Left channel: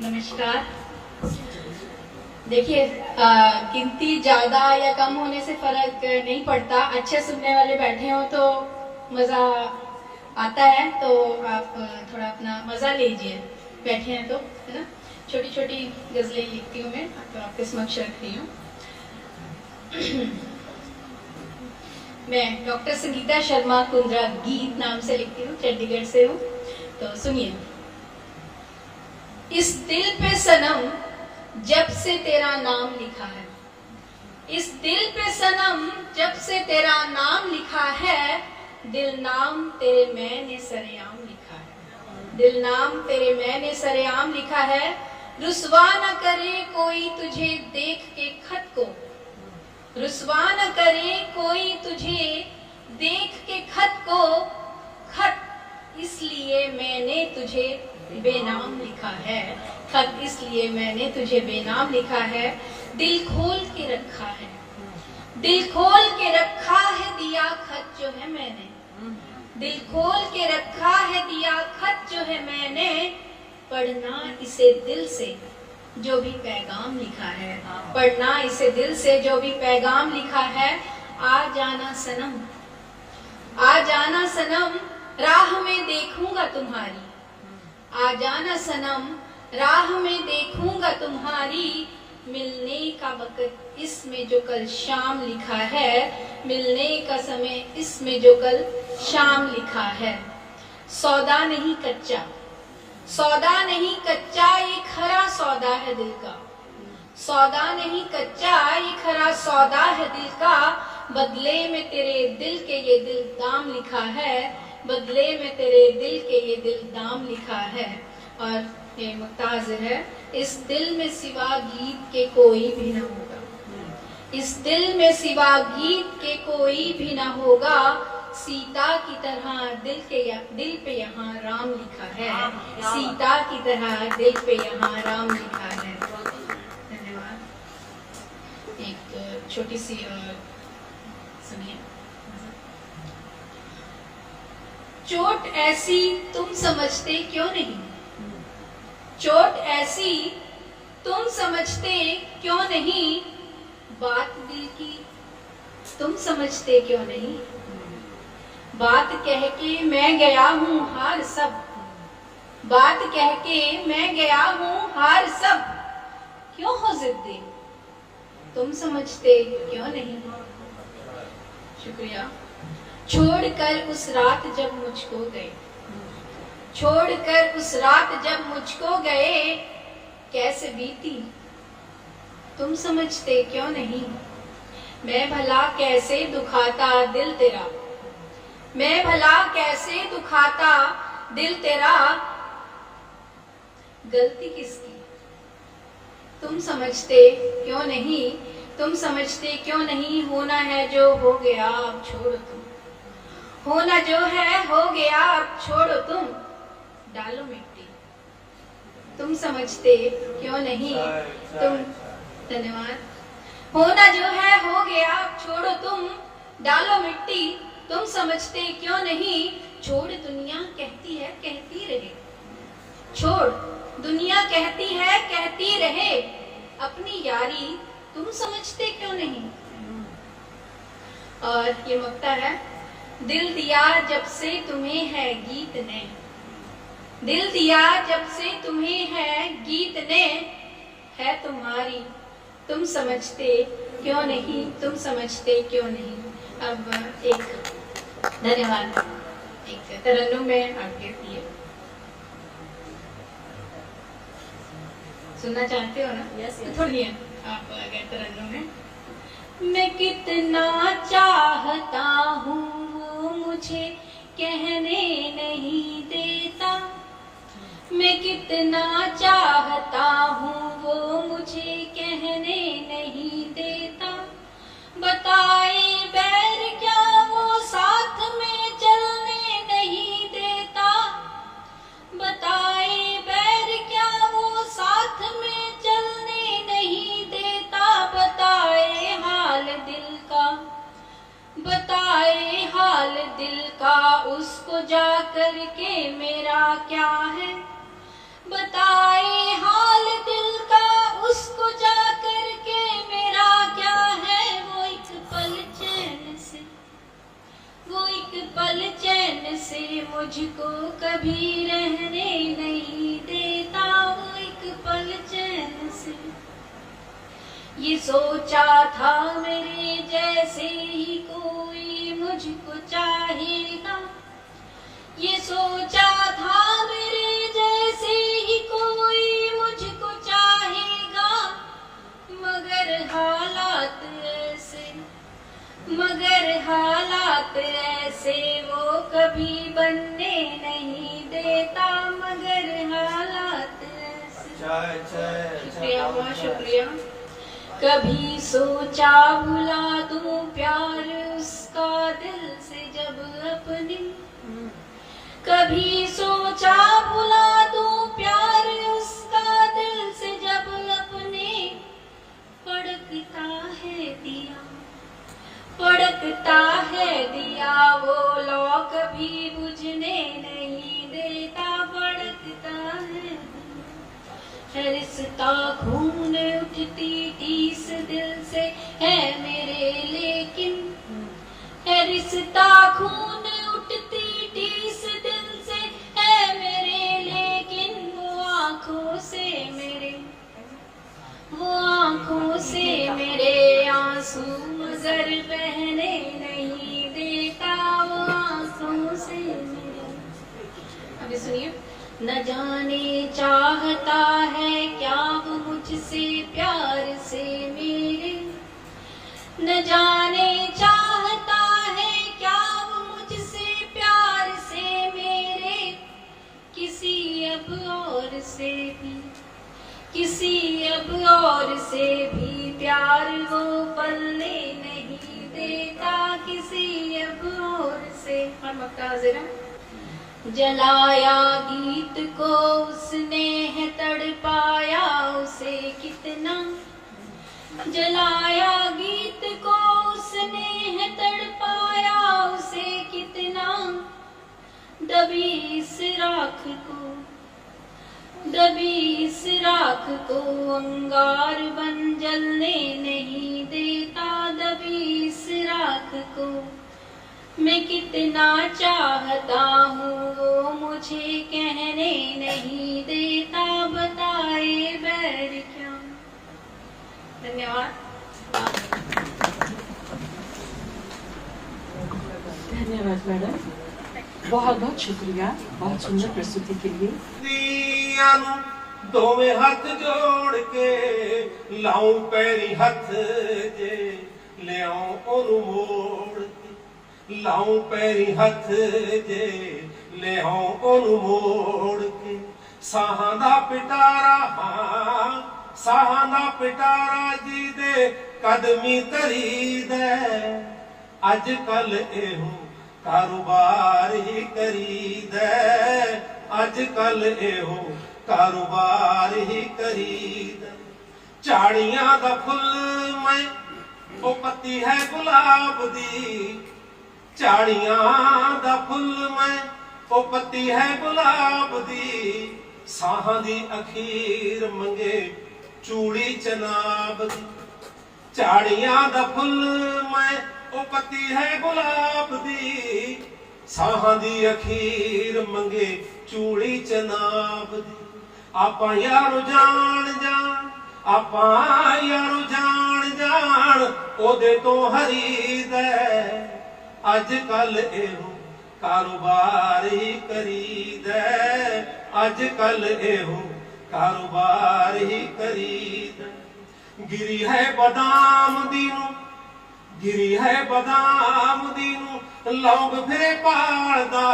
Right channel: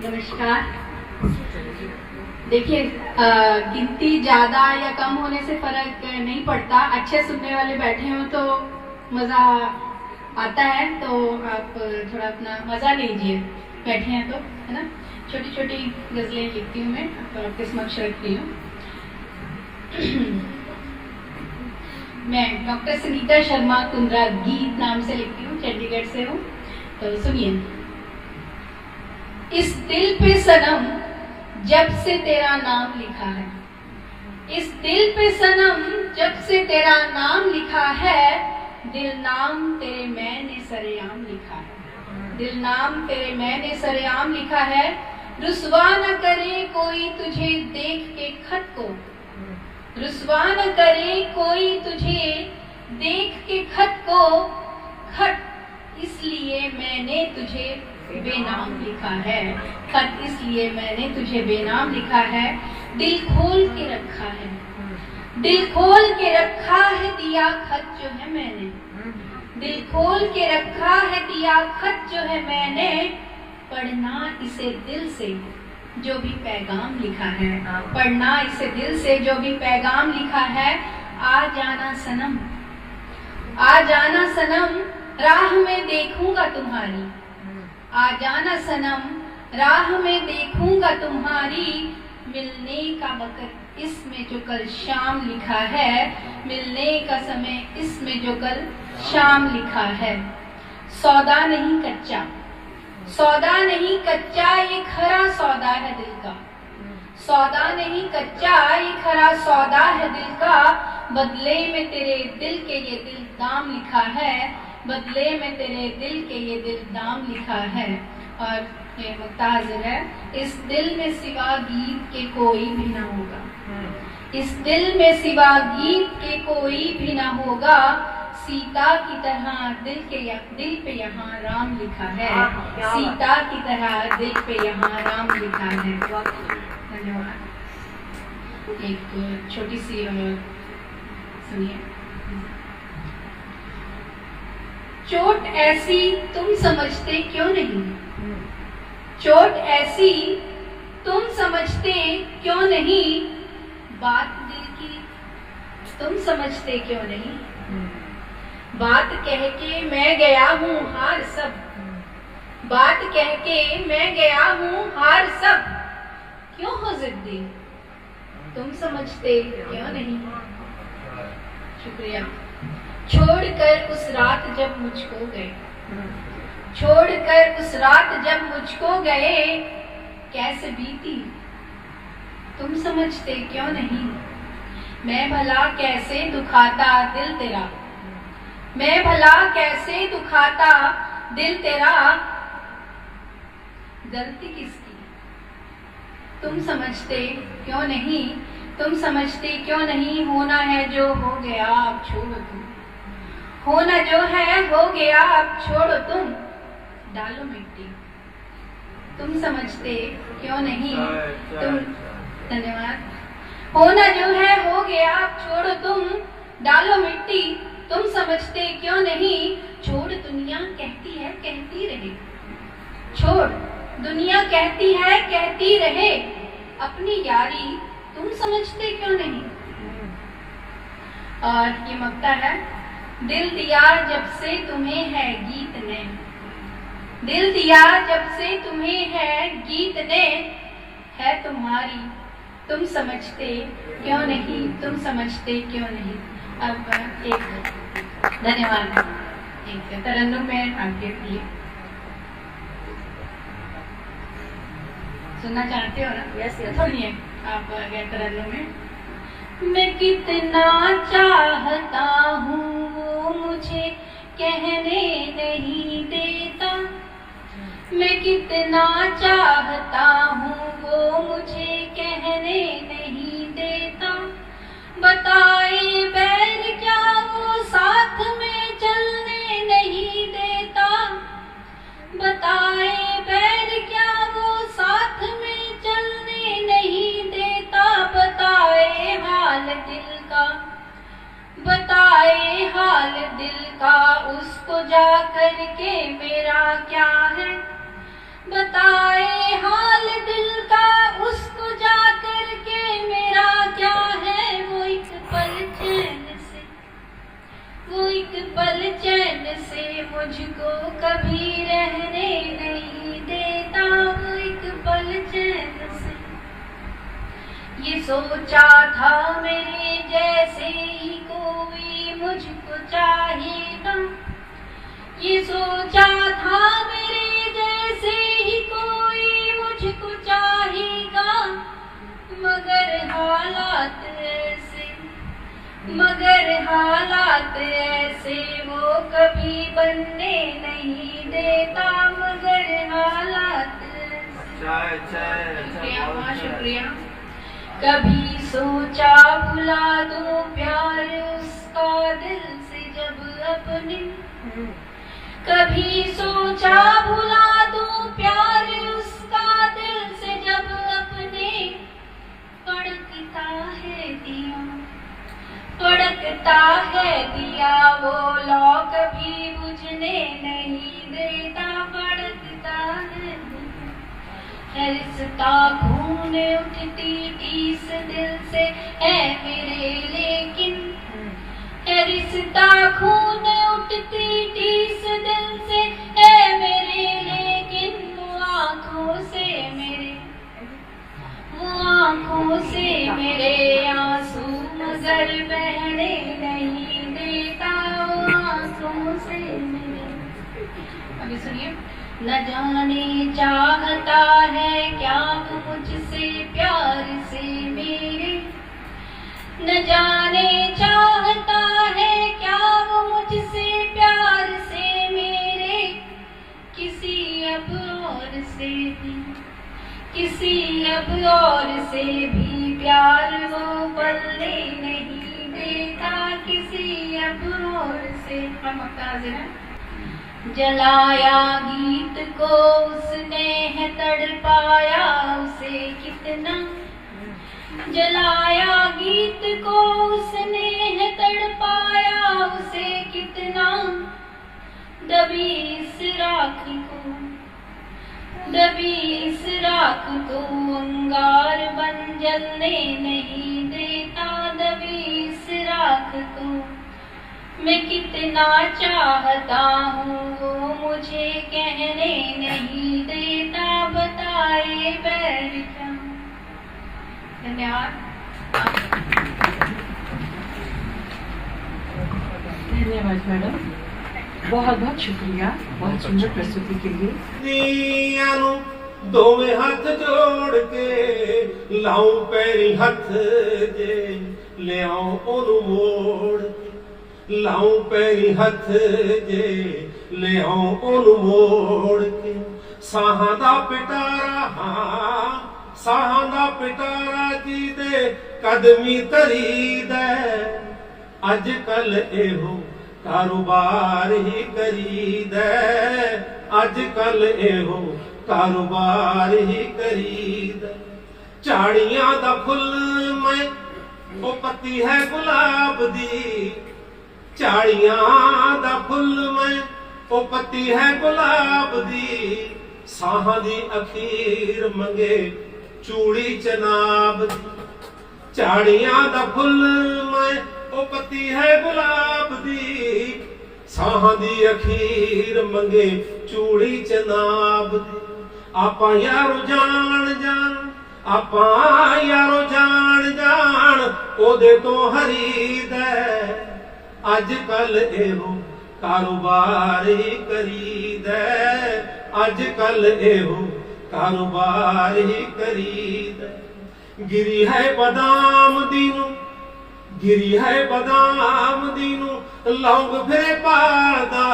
नमस्कार। देखिए, गिनती ज़्यादा या कम होने से फ़र्क नहीं पड़ता। अच्छे सुनने वाले बैठे हो तो मज़ा आता है, तो आप थोड़ा अपना मज़ा लीजिए। बैठे हैं तो, है ना। छोटी छोटी गज़लें लिखती हूँ मैं, तो आपके समक्ष रखती हूँ। मैं डॉक्टर सुनीता शर्मा कुंद्रा गीत नाम से लिखती हूँ, चंडीगढ़ से हूँ। तो सुनिए। इस दिल पे सनम जब से तेरा नाम लिखा है, इस दिल पे सनम जब से तेरा नाम लिखा है, दिल नाम तेरे मैंने सरेआम लिखा है, दिल नाम तेरे मैंने सरेआम लिखा है। रुसवा न करे कोई तुझे देख के खत को, रुसवा न करे कोई तुझे देख के खत को, खत इसलिए मैंने तुझे बेनाम लिखा है, खत इसलिए मैंने तुझे बेनाम लिखा है। दिल खोल के रखा है, दिल खोल के रखा है दिया खत जो है मैंने, दिल खोल के रखा है दिया खत जो है मैंने। पढ़ना इसे दिल से जो भी पैगाम लिखा है, पढ़ना इसे दिल से जो भी पैगाम लिखा है। आ जाना सनम, आ जाना सनम, राह में देखूंगा तुम्हारी, आ जाना सनम, राह में देखूंगा तुम्हारी। मिलने का वक्त इसमें जो कल शाम लिखा है, मिलने का समय इसमें जो कल शाम लिखा है। सौदा नहीं कच्चा, सौदा नहीं कच्चा, ये खरा सौदा है दिल का, सौदा नहीं कच्चा, ये खरा सौदा है दिल का। बदले में तेरे दिल के ये दिल दाम लिखा है, बदले में तेरे दिल के ये दिल दाम लिखा है। और ये मुक्ताज है। इस दिल में सिवा गीत के कोई भी ना होगा, इस दिल में सिवा गीत के कोई भी ना होगा। सीता की तरह दिल पे यहाँ राम लिखा है, सीता की तरह दिल पे यहाँ राम लिखा है। धन्यवाद। एक छोटी सी सुनिए। चोट ऐसी तुम समझते क्यों नहीं, चोट ऐसी तुम समझते क्यों नहीं, बात दिल की तुम समझते क्यों नहीं। बात कह के मैं गया हूँ हार सब, बात कह के मैं गया हूँ हार सब। क्यों हो जिद्दी तुम समझते क्यों नहीं। शुक्रिया। छोड़कर उस रात जब मुझको गए, छोड़कर उस रात जब मुझको गए, कैसे बीती तुम समझते क्यों नहीं। मैं भला कैसे दुखाता दिल तेरा, मैं भला कैसे दुखाता दिल तेरा। गलती किसकी तुम समझते क्यों नहीं, तुम समझते क्यों नहीं। होना है जो हो गया अब छोड़ो तुम, होना जो है हो गया अब छोड़ो तुम। डालो मिट्टी तुम समझते क्यों नहीं, तुम। धन्यवाद। होना जो है हो गया अब छोड़ो तुम, डालो मिट्टी तुम समझते क्यों नहीं। छोड़ दुनिया कहती है कहती रहे, छोड़ दुनिया कहती है कहती रहे। अपनी यारी तुम समझते क्यों नहीं। और ये मक्ता है। दिल दिया जब से तुम्हें है गीत ने, दिल दिया जब से तुम्हें है गीत ने। है तुम्हारी तुम समझते क्यों नहीं, तुम समझते क्यों नहीं। अब एक धन्यवाद। एक तरन्नुम में आगे दिए सुनना चाहते हो ना। Yes yes. थोड़ी है आप अगर तरन्नुम में। मैं कितना चाहता हूँ वो मुझे कहने नहीं देता, मैं कितना चाहता हूँ वो मुझे कहने नहीं देता। बताए बैर क्या वो साथ में चलने नहीं देता, बताए बैर क्या वो साथ में चलने नहीं देता। बताए हाल दिल का, बताए हाल दिल का उसको जा कर के मेरा क्या है। बताए हाल पल चैन से मुझको कभी रहने नहीं देता, वो एक पल चैन से। ये सोचा था मेरे जैसे ही कोई मुझको चाहेगा, ये सोचा था मेरे जैसे ही कोई मुझको चाहेगा, मगर हालात ऐसे, मगर हालात ऐसे वो कभी बनने नहीं देता, मगर हालात ऐसे। शुक्रिया माँ, शुक्रिया। कभी सोचा भुला दूं प्यार उसका दिल से जब अपने, कभी सोचा भुला दूं प्यार उसका दिल से जब अपने, फड़कता है दिया, फड़कता है दिया वो लौ कभी बुझने नहीं देता, फड़कता है रिश्ता खून उठती टीस दिल से है मेरे, लेकिन है रिश्ता खून उठती टीस दिल से है मेरे, लेकिन वो आँखों से मेरे, वो आँखों से मेरे आंसू नजर बहने नहीं देता, वो आँखों से मेरे। अभी सुनिए। न जाने चाहता है क्या वो मुझसे प्यार से मेरे, न जाने चाहता है क्या वो मुझसे प्यार से मेरे, किसी अब और से भी, किसी अब और से भी प्यार वो बनने नहीं देता, किसी अब और से। हम हाजिर हैं। जलाया गीत को उसने है तड़पाया उसे कितना, जलाया गीत को उसने है तड़पाया उसे कितना, दबी इस राख को, दबी इस राख को अंगार बन जलने नहीं देता, दबी इस राख को मैं कितना चाहता हूँ वो मुझे कहने नहीं देता, बताए बैर क्या। धन्यवाद। धन्यवाद मैडम, बहुत बहुत शुक्रिया बहुत सुंदर प्रस्तुति के लिए। दोवें हाथ जोड़ के लाऊं पैरी हथ जे ले आऊं ओनू मोड़, लाऊं पैरी हथ जे ले आऊं ओनू मोड़ के, साहां दा पिटारा हां साहां दा पिटारा जी दे कदमी तरी दे, अज कल एहो कारोबार ही करी दे, अज कल एहो कारोबार ही करी दे। झाड़ियां दा फुल मैं ओ पत्ती है गुलाब दी, झाड़ियां दा फुल मैं ओ पत्ती है गुलाब दी, साहां दी अखीर मंगे चूड़ी चनाब दी। झाड़ियां दा फुल मैं ओ पत्ती है गुलाब दी, साहां दी अखीर मंगे चूड़ी चनाब दी। आपां यारो जान जान, आपां यारो जान जान ओदे तो हरी दे, अज कल एहो कारोबार ही करी दे, अज कल एहो कारोबार ही करी दे। गिरी है बादाम दीनू, गिरी है बादाम दीनू लौंग फिरे पालदा,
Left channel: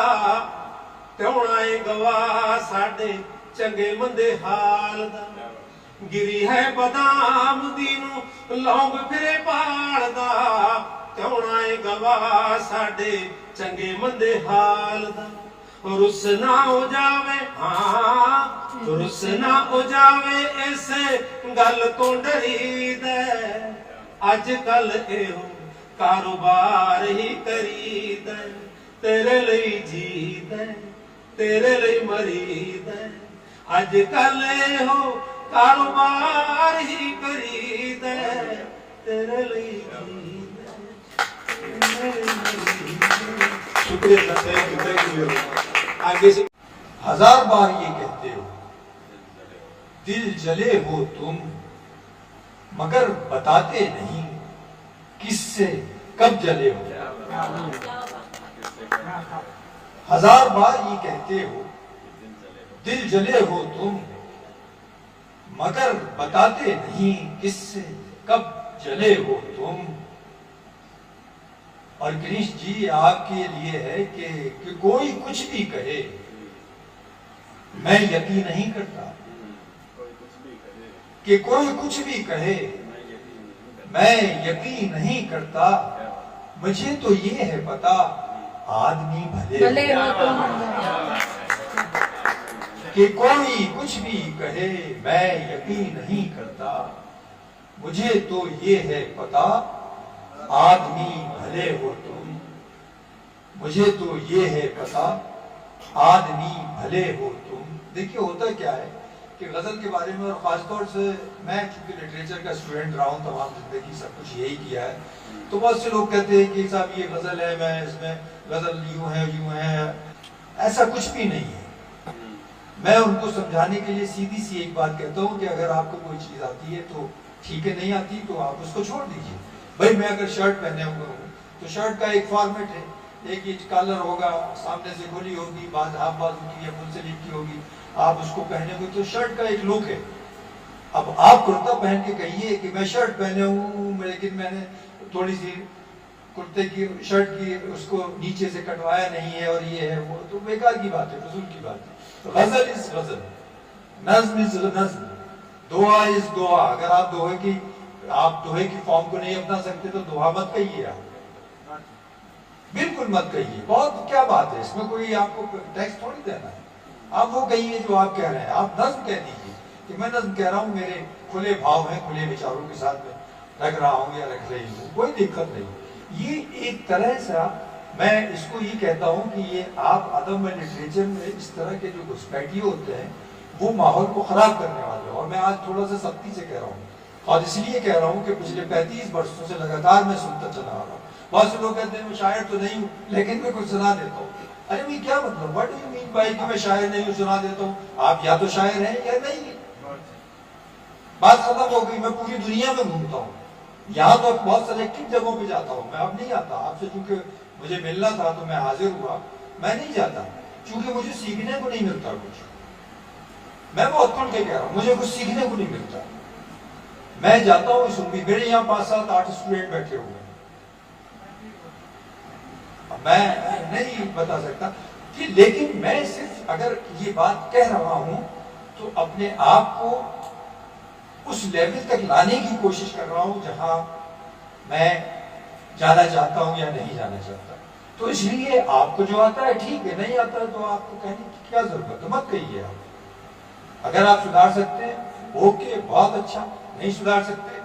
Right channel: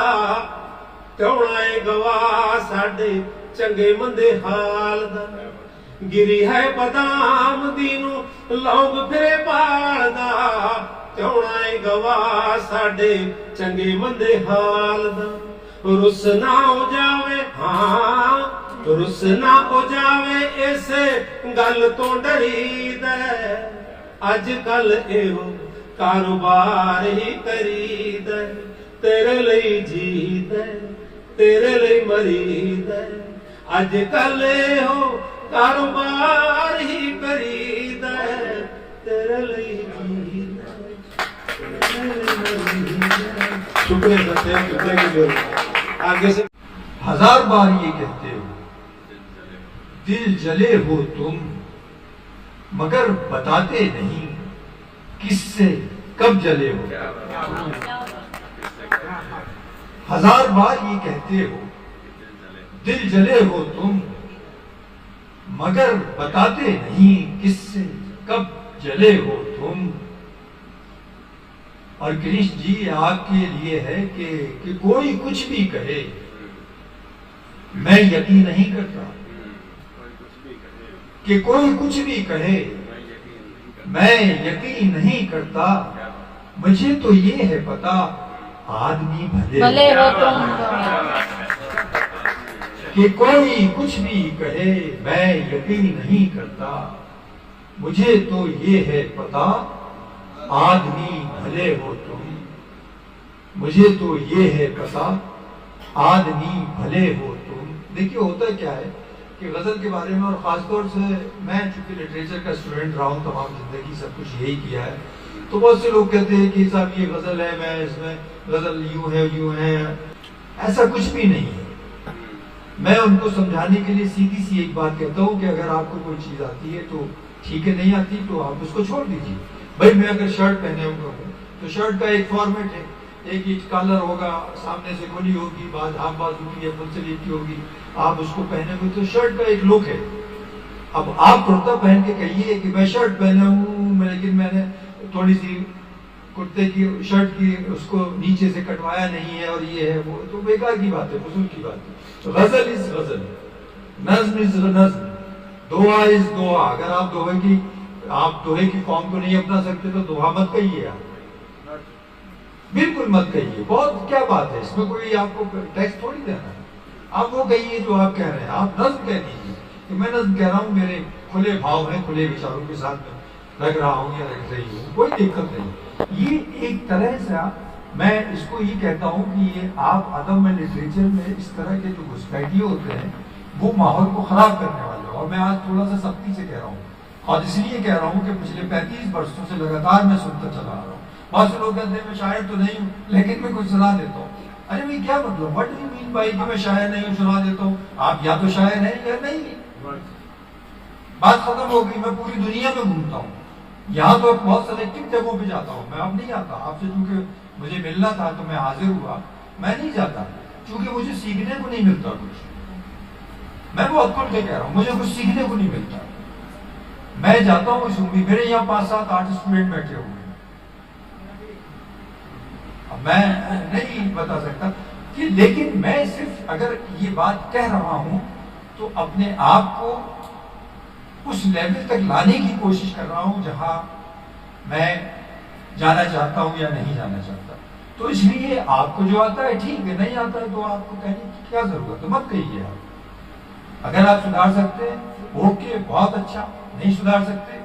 प्योना है गवा साडे चंगे मंदे हाल दा। गिरी है बादाम दीनू लौंग फिरे पालदा, प्योना है गवा साडे चंगे मंदे हाल दा। रुस ना हो जावे हां रुस ना हो जावे इस गल तो डरी दे, अज कल एहो कारोबार ही करी दे, तेरे लिए जी दे तेरे लिए मरी दे, अज कल एहो कारोबार ही करी दे, तेरे लिए जी दे तेरे लिए मरी दे। शुक्रिया सर, थैंक यू। आगे से हजार बार ये कहते हो, दिल जले हो तुम, मगर बताते नहीं किससे कब जले हो। हजार बार ये कहते हो, दिल जले हो तुम, मगर बताते नहीं किससे कब जले हो तुम। और कृष्ण जी आपके लिए है कि कोई कुछ भी कहे, मैं यकीन नहीं करता। कि कोई कुछ भी कहे, मैं यकीन नहीं करता। मुझे तो ये है पता, आदमी भले हो तुम। कि कोई कुछ भी कहे, मैं यकीन नहीं करता। मुझे तो ये है पता, आदमी भले हो तुम। मुझे तो ये है पता, आदमी भले हो तुम। देखिए होता क्या है कि गजल के बारे में, और खासतौर से मैं चूंकि लिटरेचर का स्टूडेंट रहा हूँ तमाम जिंदगी, सब कुछ यही किया है, तो बहुत से लोग कहते हैं कि साहब ये गजल है, मैं इसमें गजल यूं है। ऐसा कुछ भी नहीं है। मैं उनको समझाने के लिए सीधी सी एक बात कहता हूँ कि अगर आपको कोई चीज आती है तो ठीक है, नहीं आती तो आप उसको छोड़ दीजिए। भाई मैं अगर शर्ट पहने हुए हूँ तो शर्ट का एक फॉर्मेट है, एक ही कलर होगा, सामने से खुली होगी, बाद हाफ बाजू की या फुल स्लीव की होगी, आप उसको पहने हुए तो शर्ट का एक लुक है। अब आप कुर्ता पहन के कहिए कि मैं शर्ट पहने हूँ लेकिन मैंने थोड़ी सी कुर्ते की शर्ट की उसको नीचे से कटवाया नहीं है और ये है वो, तो बेकार की बात है, फजूल की बात है। तो गजल इज गजल, नज्म इज नज्म, दुआ इज दुआ। अगर आप दोहे की फॉर्म को नहीं अपना सकते तो दुआ मत कहिए, आप बिल्कुल मत कहिए। बहुत क्या बात है इसमें, कोई आपको टैक्स थोड़ी देना है। आप वो कहिए जो आप कह रहे हैं, आप नज्म कह दीजिए कि मैं नज्म कह रहा हूँ, मेरे खुले भाव हैं, खुले विचारों के साथ में रख रहा हूँ या रख रही हूँ, कोई दिक्कत नहीं। ये एक तरह से मैं इसको ये कहता हूँ कि ये आप अदब में, लिटरेचर में इस तरह के जो घुसपैठिए होते हैं वो माहौल को खराब करने वाले हैं। और मैं आज थोड़ा सा सख्ती से कह रहा हूँ, और इसलिए कह रहा हूँ कि पिछले 35 वर्षों से लगातार मैं सुनता चला आ रहा हूँ। बहुत से लोग कहते हैं मैं शायर तो नहीं हूँ लेकिन मैं कुछ सुना देता हूँ। अरे भाई क्या मतलब, what do you mean by कि मैं शायर नहीं हूँ सुना देता हूँ? आप या तो शायर हैं या नहीं। बात खत्म हो गई। मैं पूरी दुनिया में घूमता हूँ, यहाँ तो बहुत सेलेक्टिव जगहों पे जाता हूँ। मैं अब नहीं आता आपसे, चूंकि मुझे मिलना था तो मैं हाजिर हुआ। मैं नहीं जाता क्योंकि मुझे सीखने को नहीं मिलता कुछ। मैं बहुत खुल के कह रहा हूँ, मुझे कुछ सीखने को नहीं मिलता। मैं जाता हूँ इस उम्मीद, मेरे यहाँ 5-7-8 स्टूडेंट बैठे हुए हैं। अब मैं नहीं बता सकता कि, लेकिन मैं सिर्फ अगर ये बात कह रहा हूँ तो अपने आप को उस लेवल तक लाने की कोशिश कर रहा हूं जहां मैं जाना चाहता हूं या नहीं जाना चाहता। तो इसलिए आपको जो आता है ठीक है, नहीं आता है तो आपको कहने की क्या जरूरत है, मत कहिए। आप अगर आप सुधार सकते हैं ओके, बहुत अच्छा। नहीं सुधार सकते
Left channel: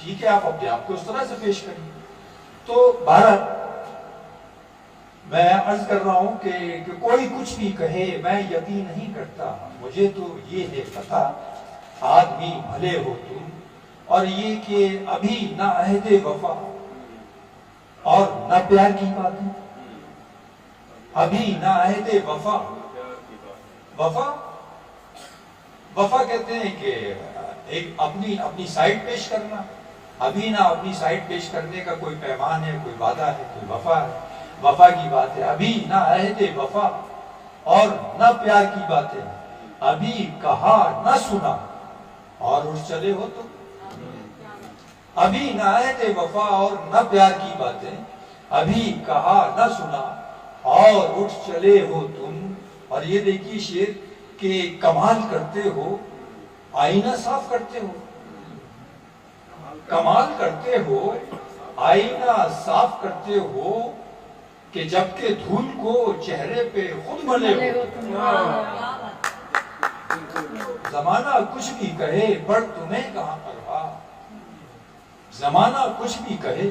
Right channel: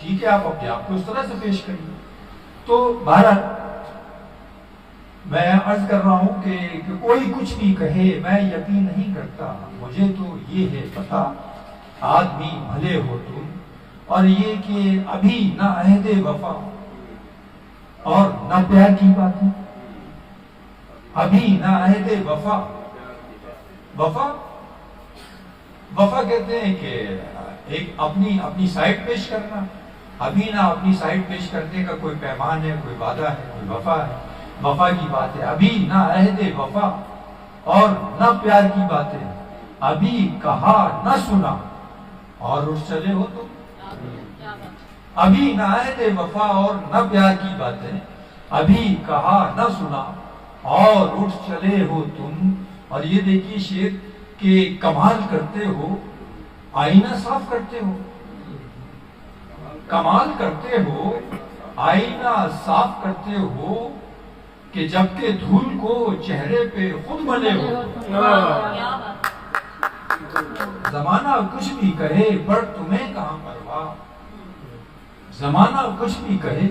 ठीक है, आप अपने आप को उस तरह से पेश करिए। तो भारत मैं अर्ज कर रहा हूं कि कोई कुछ भी कहे मैं यकीन नहीं करता। मुझे तो ये है पता, आदमी भले हो तुम। और ये कि अभी ना अहदे वफा और ना प्यार की बात है। अभी ना अहदे वफा, वफा वफा कहते हैं कि एक अपनी साइड पेश करना। अभी ना अपनी साइड पेश करने का कोई पैमान है, कोई वादा है, कोई वफा है, वफा की बात है। अभी ना अहदे वफा और ना प्यार की बातें, अभी कहा ना सुना और उठ चले हो तुम। अभी ना अहदे वफा और न प्यार की बातें, अभी कहा न सुना और उठ चले हो तुम। और ये देखिए शेर के कमाल करते हो, आईना साफ करते हो। कमाल करते हो, आईना साफ करते हो कि जबकि धूल को चेहरे पे खुद मले हो तुम। जमाना कुछ भी कहे पर तुम्हें कहां परवाह। जमाना कुछ भी कहे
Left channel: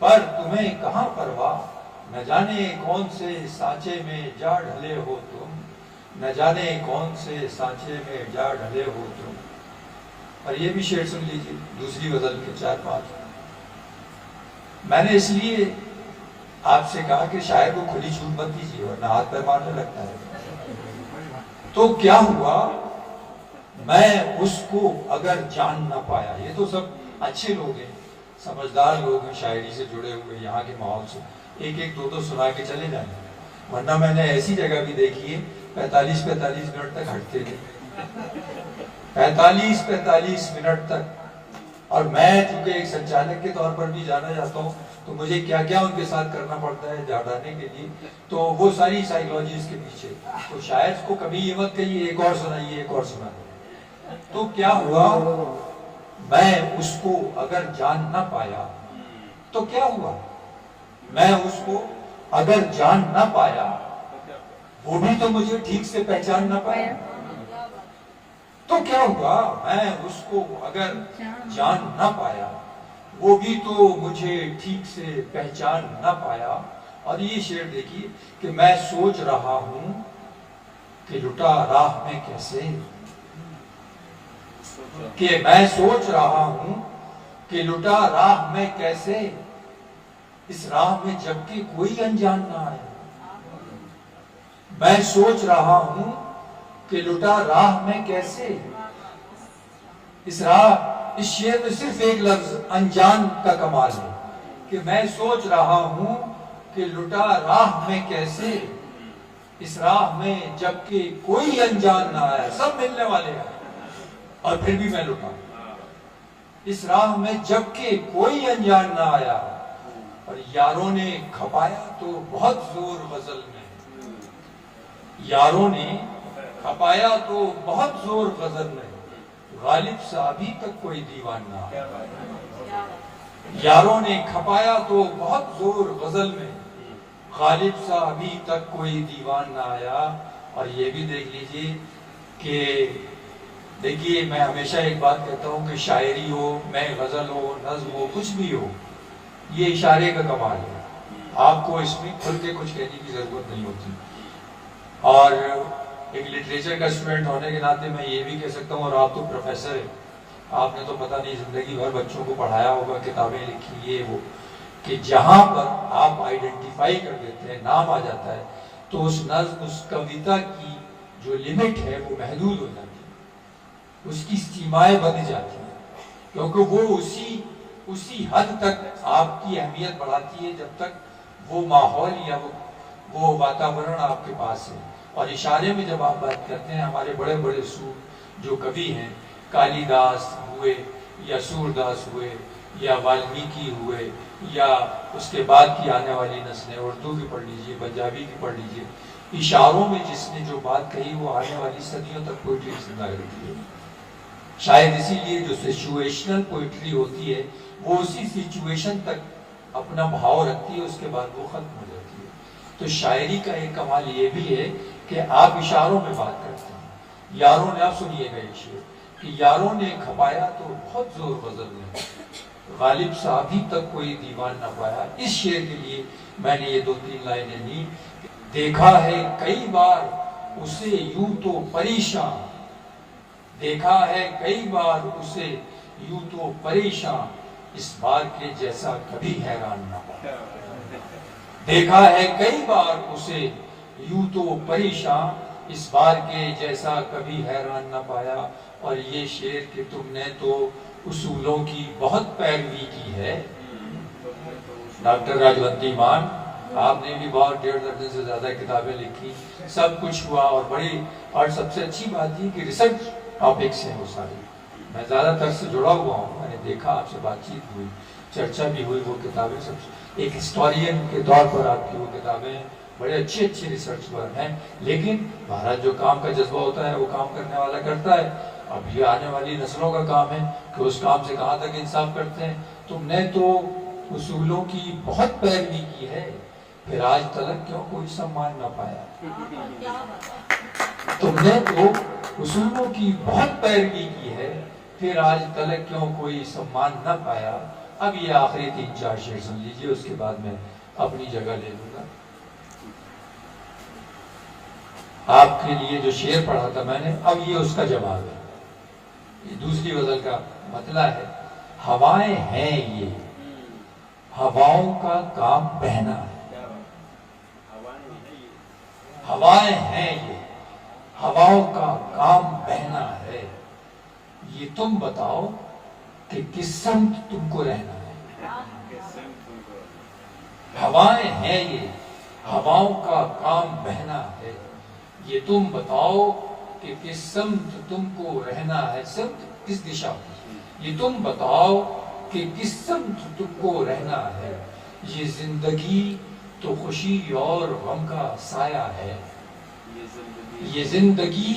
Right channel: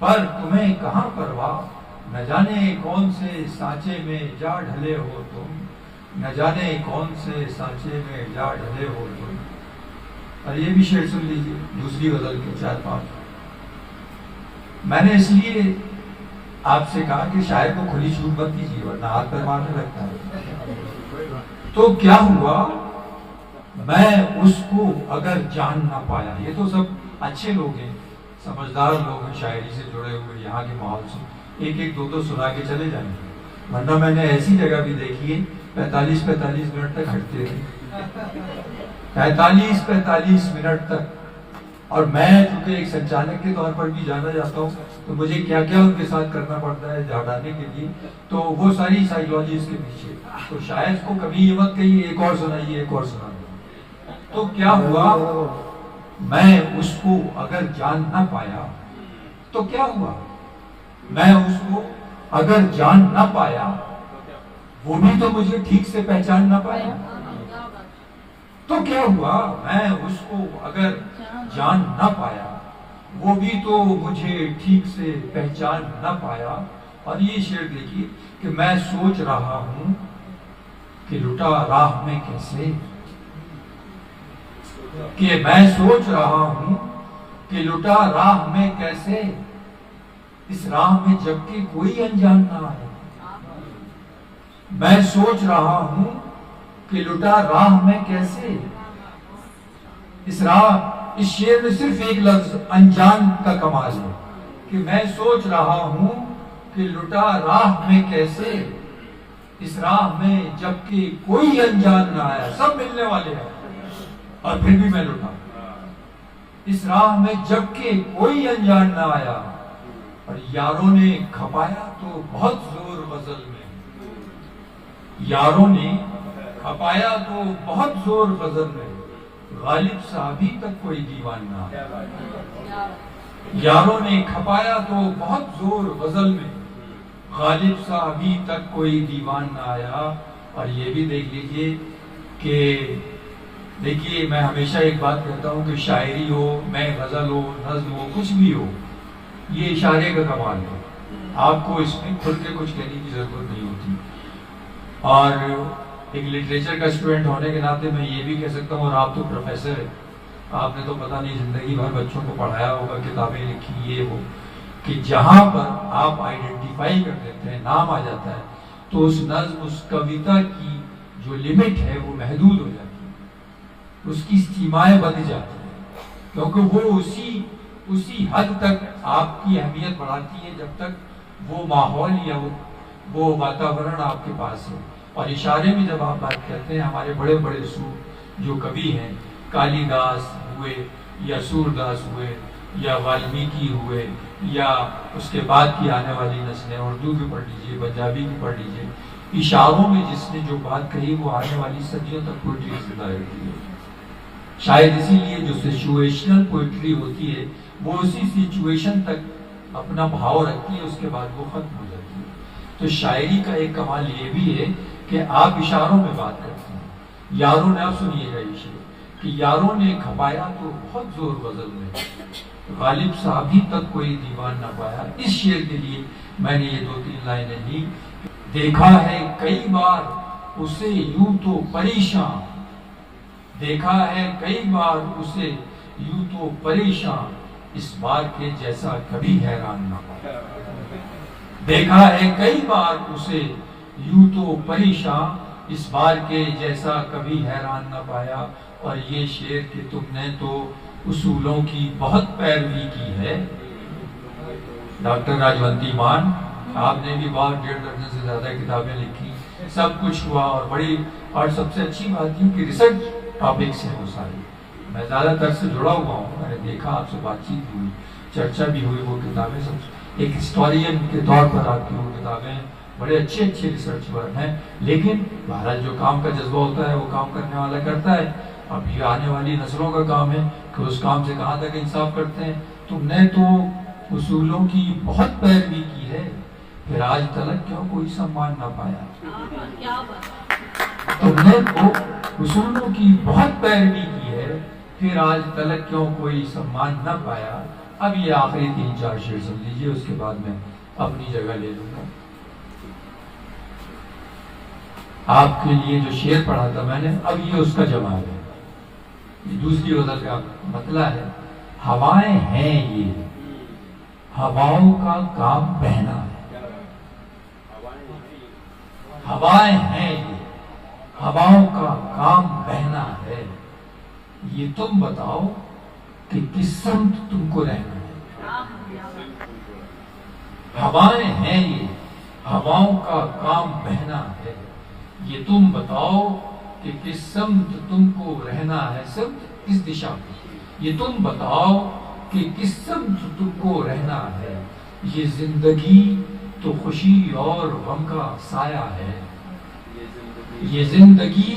पर तुम्हें कहां परवाह। न जाने कौन से सांचे में जा ढले हो तुम, न जाने कौन से सांचे में जा ढले हो तुम। और ये भी शेर सुन लीजिए, दूसरी गजल के 4-5। मैंने इसलिए आपसे कहा कि शायर को खुली छूट मत दीजिए वरना हाथ पैर मारने लगता है। तो क्या हुआ, मैं उसको अगर जान ना पाया, ये तो सब अच्छे लोग हैं, समझदार लोग हैं, शायरी से जुड़े हुए, यहाँ के माहौल से एक एक दो दो सुना के चले जाएंगे। वरना मैंने ऐसी जगह भी देखी है 45-45 मिनट तक हटते थे, 45-45 मिनट तक। और मैं चूंकि एक संचालक के तौर पर भी जाना जाता हूँ, तो मुझे क्या क्या उनके साथ करना पड़ता है जाने के लिए, तो वो सारी साइकोलॉजी इसके पीछे। तो शायद को कभी ये मत कहिए एक और सुनाइए, एक और सुनाइए। तो क्या हुआ, मैं उसको अगर जान ना पाया तो क्या हुआ, मैं उसको अगर जान ना पाया, वो भी तो मुझे ठीक से पहचान ना पाया। तो क्या हुआ, मैं उसको अगर जान ना पाया, वो भी तो मुझे ठीक से पहचान ना पाया। और ये शेर देखिए कि मैं सोच रहा हूं कि लुटा राह में कैसे, कि मैं सोच रहा हूं कि लुटा राह में कैसे, इस राह में जबकि कोई अनजान ना है। मैं सोच रहा हूं कि लुटा राह में कैसे, इस शेर में सिर्फ एक लफ्ज अनजान का कमाल है कि मैं सोच रहा हूं कि लुटा राह में कैसे, इस राह में जबकि कोई अनजान ना आया, सब मिलने वाले हैं और फिर भी मैं लुटा। इस राह में जबकि कोई अनजान ना आया, और यारों ने खपाया तो बहुत जोर गजल में, यारों ने खपाया तो बहुत जोर गजल में, गालिब सा अभी तक कोई दीवान ना आया। यारों ने खपाया तो बहुत जोर गजल में, गालिब सा अभी तक कोई दीवान ना आया। और ये भी देख लीजिए कि देखिए, मैं हमेशा एक बात कहता हूँ कि शायरी हो, मैं गजल हो, नज्म हो, कुछ भी हो, ये इशारे का कमाल है। आपको इसमें खुल के कुछ कहने की जरूरत नहीं होती। और एक लिटरेचर का स्टूडेंट होने के नाते मैं ये भी कह सकता हूँ, और आप तो प्रोफेसर है, आपने तो पता नहीं जिंदगी भर बच्चों को पढ़ाया होगा, किताबें लिखी, ये वो, कि जहां पर आप आइडेंटिफाई कर देते हैं, नाम आ जाता है, तो उस नज्म, उस कविता की जो लिमिट है वो महदूद हो जाती है, उसकी सीमाएं बंध जाती है, क्योंकि वो उसी हद तक आपकी अहमियत बढ़ाती है जब तक वो माहौल या वो वातावरण आपके पास है। और इशारे में जब आप बात करते हैं, हमारे बड़े बड़े जो कवि हैं, कालिदास हुए या सूरदास हुए या वाल्मीकि हुए, या उसके बाद की आने वाली नस्लें, उर्दू की पढ़ लीजिए, पंजाबी की पढ़ लीजिए, इशारों में जिसने जो बात कही वो आने वाली सदियों तक पोइट्री जिंदा रहती है। शायद इसीलिए जो सिचुएशनल पोइट्री होती है वो उसी सिचुएशन तक अपना भाव रखती है, उसके बाद वो खत्म हो जाती है। तो शायरी का एक कमाल ये भी है कि आप इशारों में बात करते हैं। यारों ने, आप सुनिएगा ये शेर कि यारों ने खपाया तो बहुत जोर गजल में, गालिब सा अभी तक कोई दीवान ना पाया। इस शेर के लिए मैंने ये 2-3 लाइनें ली। देखा है कई बार उसे यूं तो परेशान, देखा है कई बार उसे यूं तो परेशान, इस बार के जैसा कभी हैरान ना पाया। देखा है कई बार उसे यूं तो परेशान, इस बार के जैसा कभी हैरान ना पाया। और ये शेर कि तुमने तो उसूलों की बहुत पैरवी की है। डॉक्टर राजवंती मान, आपने भी बहुत 1.5 दर्जन से ज्यादा किताबें लिखी, सब कुछ हुआ, और बड़ी, और सबसे अच्छी बात ये कि रिसर्च टॉपिक्स हैं वो सारे। मैं ज्यादातर से जुड़ा हुआ हूँ, मैंने देखा, आपसे बातचीत हुई, चर्चा भी हुई, वो किताबें सब एक हिस्टोरियन के तौर पर आपकी वो किताबें बड़े अच्छे रिसर्च वर्क हैं। लेकिन भारत जो काम का जज्बा होता है वो काम करने वाला करता है। अब ये आने वाली नस्लों का काम है कि उस काम से कहाँ तक इंसाफ करते हैं। तुमने तो उसूलों की बहुत पैरवी की है, फिर आज तलक क्यों कोई सम्मान ना पाया। तुमने तो उसूलों की बहुत पैरवी की है, फिर आज तलक क्यों कोई सम्मान ना पाया। अब ये आखिरी 3-4 शेर सुन लीजिए, उसके बाद मैं अपनी जगह ले लूंगा। आपके लिए जो शेर पढ़ा था मैंने, अब ये उसका जवाब है। ये दूसरी गजल का मतला है। हवाएं हैं ये, हवाओं का काम बहना है, हवाएं हैं ये, हवाओं का काम बहना है। ये तुम बताओ कि किस समत तुमको रहना है। हवाएं हैं ये, हवाओं का काम बहना है। ये तुम बताओ कि किस समत तुमको रहना है। समत किस दिशा में, ये तुम बताओ कि किस समत तुमको रहना है। ये जिंदगी तो खुशी और गम का साया है। ये जिंदगी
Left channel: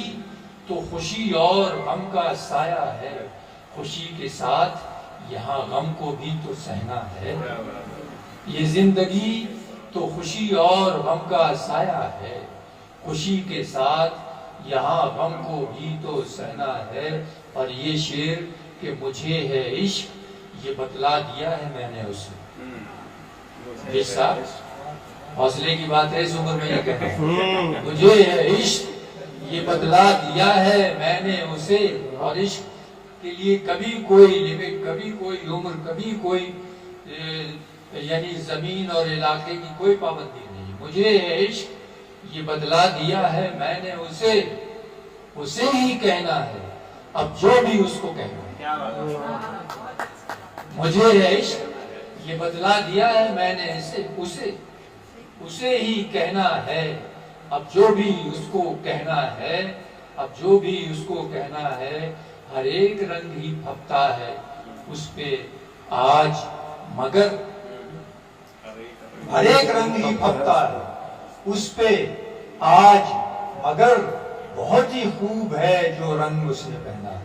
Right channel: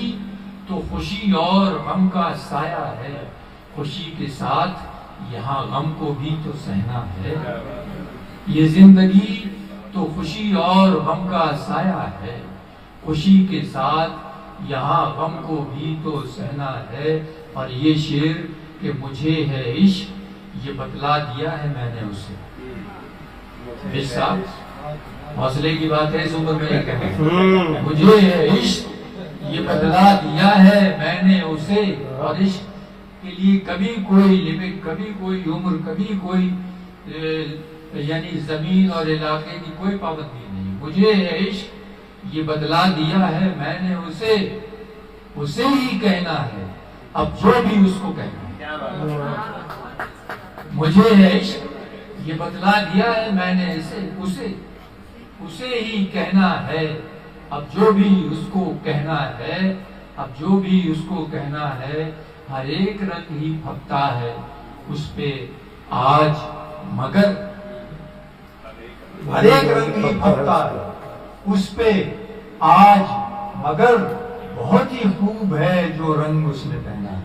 तो खुशी और गम का साया है। खुशी के साथ यहाँ गम को भी तो सहना है। ये जिंदगी तो खुशी और गम का साया है। खुशी के साथ यहाँ गम को भी तो सहना है। और ये शेर कि मुझे है इश्क, ये बतला दिया है मैंने उसे। जिस साहब हौसले की बात है, इस उम्र में ये कहते मुझे है इश्क, ये बतला दिया है मैंने उसे। और इश्क के लिए कभी कोई लिमिट, कभी कोई उम्र, कभी कोई यानी जमीन और इलाके की कोई पाबंदी नहीं। मुझे है इश्क, ये बतला दिया है मैंने उसे। उसे ही कहना है अब जो भी उसको कहना है। मुझे है इश्क, ये बतला दिया है मैंने उसे ही कहना है अब जो भी उसको कहना है। अब जो भी उसको कहना है। हर एक रंग ही फपता है उस पे आज मगर, हर एक रंग ही फपता है उस पे आज मगर, बहुत ही खूब है जो रंग उसने पहना है।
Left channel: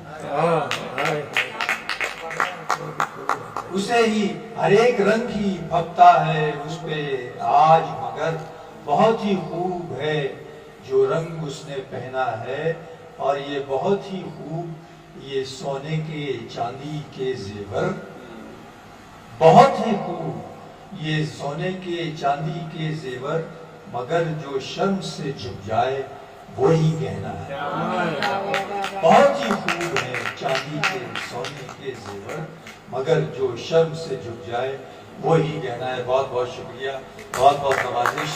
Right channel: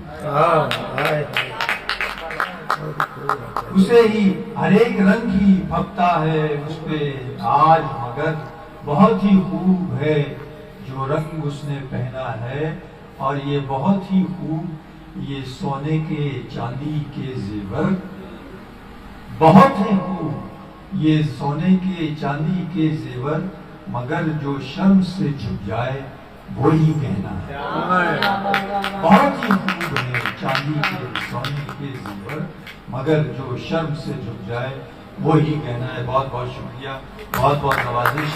उसे ही हर एक रंग ही फपता है उस पे आज मगर, बहुत ही खूब है जो रंग उसने पहना है। और ये बहुत ही खूब ये सोने के चांदी के जेवर, बहुत ही खूब ये सोने के चांदी के जेवर, मगर जो शर्म से झुक जाए वो ही गहना है। बहुत ही खूब है चांदी के सोने के जेवर, मगर जो शर्म से झुक जाए वो ही गहना है। बहुत बहुत शुक्रिया, बहुत बहुत नवाजिश।